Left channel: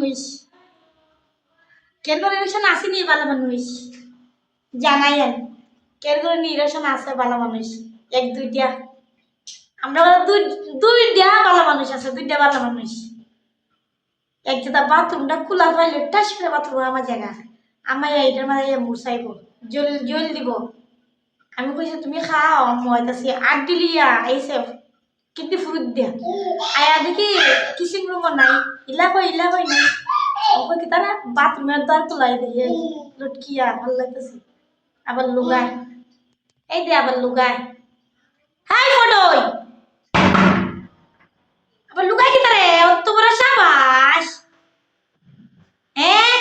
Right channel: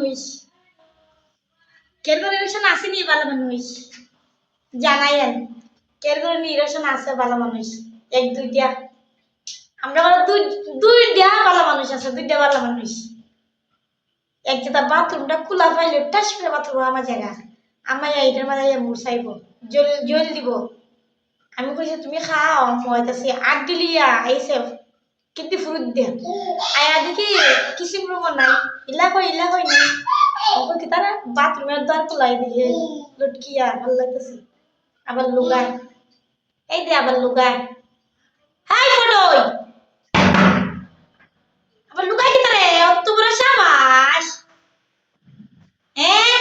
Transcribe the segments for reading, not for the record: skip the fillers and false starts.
মানুষ কেরগর ইলেকশন আসেনি ভালো মানুষ জানাই আর কেরগর ইলেকশন আছে ভালো মানুষ এক দুইটা আমরা দুইটা ভালো মানুষ আছে দুইটা ভালো মানুষ একটা বাথরুমটা খোলা পাইলে টাস করে বাথরুম আমার জায়গা আমার এইটার মাঝে মুসাইব জল জল দিব আমি কইছি তুমি খাও মই তাছি আট দিলিয়া আইসে কিন্তু ফুরুত দিয়া আয়া দেখি কিসিম রুম নাই ইলা কই নাই ওকে কি তারা বাথরুমের দ্বার তোলাই দিয়ে লটকিয়া ভাল লাগতেছে আবার লুগায় এই দে আবার লুগায় হাই ফটোই আবার লুগায় কি তারে অত বড় সাবাস হ্যাঁ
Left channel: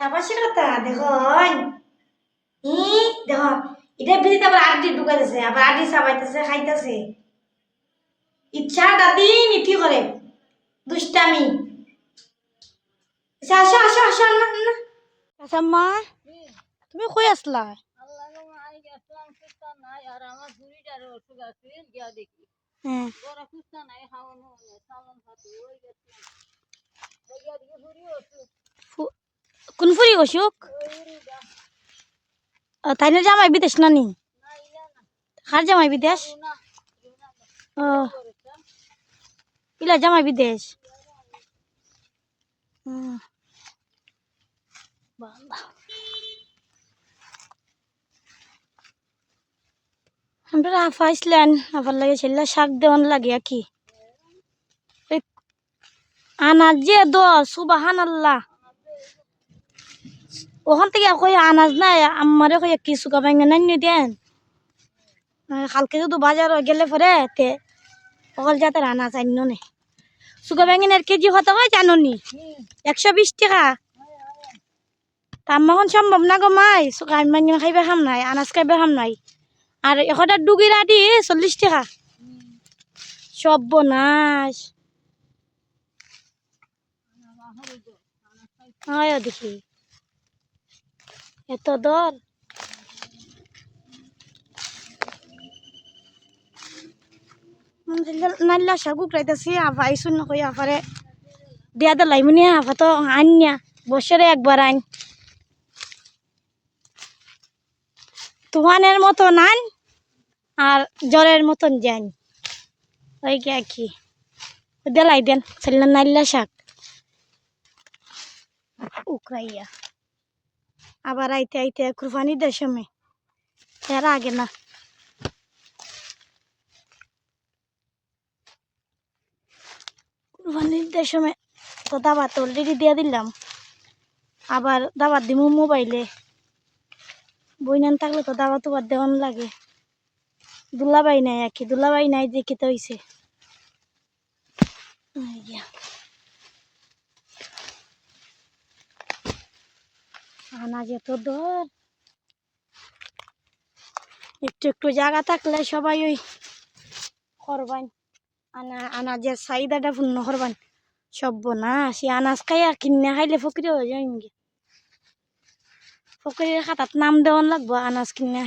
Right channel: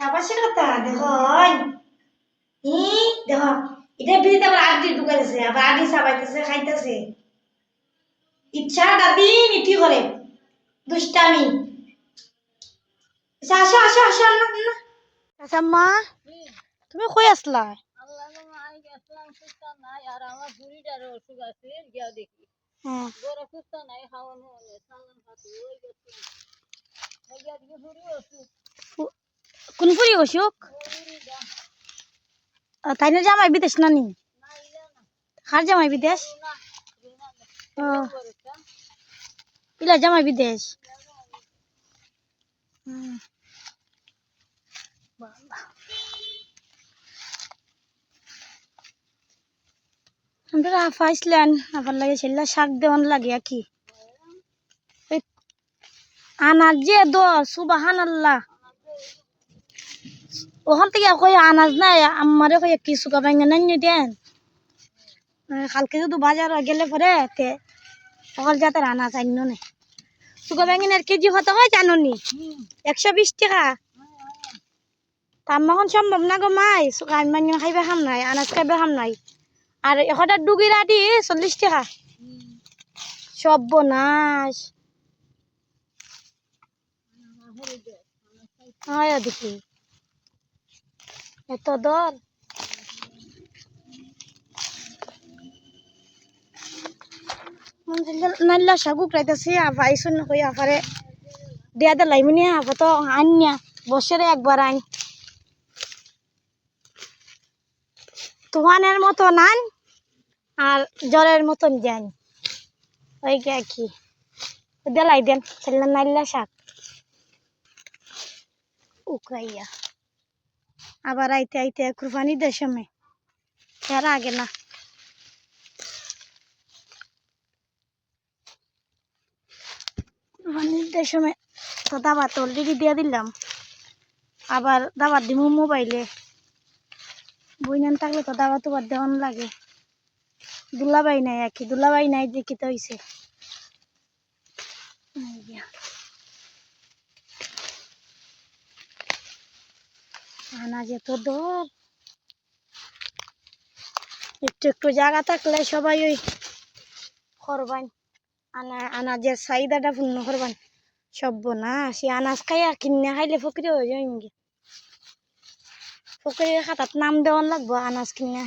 সাবাসের কথা দেখুন দেখো এটা বিরিতে আবার আড্ডি ঢুকাইতেছে আবার আড্ডি চাবাইতেছে খাইতেছে ইচ্ছাটা দিন ইটি করে দুষ্টামি আসো আসো আসো না না আচ্ছা মা তুমি কই আসলা কোন ফুরি অসুখ তাই না জামাই বিদেশ না নি কার জামাই বিদেশ পিলা জামাই বিদেশ আমরা আফাইছিলেন আবার লাগে ছেলে শাক দেওয়ান লাগে কি আনাজ যে দ সুবাহান আল্লাহ ওখান থেকে কই আনাজ নাই আমারে কই কি সুকা ভাঙে নাই দেন কালকে যদি বাজার গেলে পরে তে সকল জাতের আনাজ আইন নে সুকা ভাঙিনের কেজি কত হয় জানো নি 120 টাকা তাম্মাখন সম্ভব না গো মাই সুকা আইন খাইবে খাম নাই আনাজ খাইবে খাম নাই আর একটা ডুগিরা দি 40 টাকা সব বনাস আয় দেখি এত দর নাইলা শাগুক রাইতেছি আবার আইসুন না কই আফারে দেয়া দে লাইমনি আফা তো আইনিয়া বছরে একবার আইন তুফানের মতন আইন আর জ্বরের মতন যান ওই কে কি দেলাই দেন ছেলে নাইলা শাক উকাইয়া আবার আইতে আইতে কুরবানি দেশমে এর আগে না কুরবানির দেশমে তো দাবাত অলরেডি দিয়ে দিলাম আবার দাবাত দিব মোবাইলে বইনান থাকলে তো দাবা তো দেওয়ান লাগে দুলাবাই নাই আর কি দুলাবাই নাই দেখি তো হইছে আনাজ এত দর একটু একটু জায়গা থাকলে সবাই ওই করবান আনাজের চাহিদাটা পূর্ণ করবান সব না সে আনাজ খাই আর কিনে খাইলে ফকিরে হয়ে যায় ফকিরের খাতাত নাম দেওয়ান লাগবো আনাজ কিনে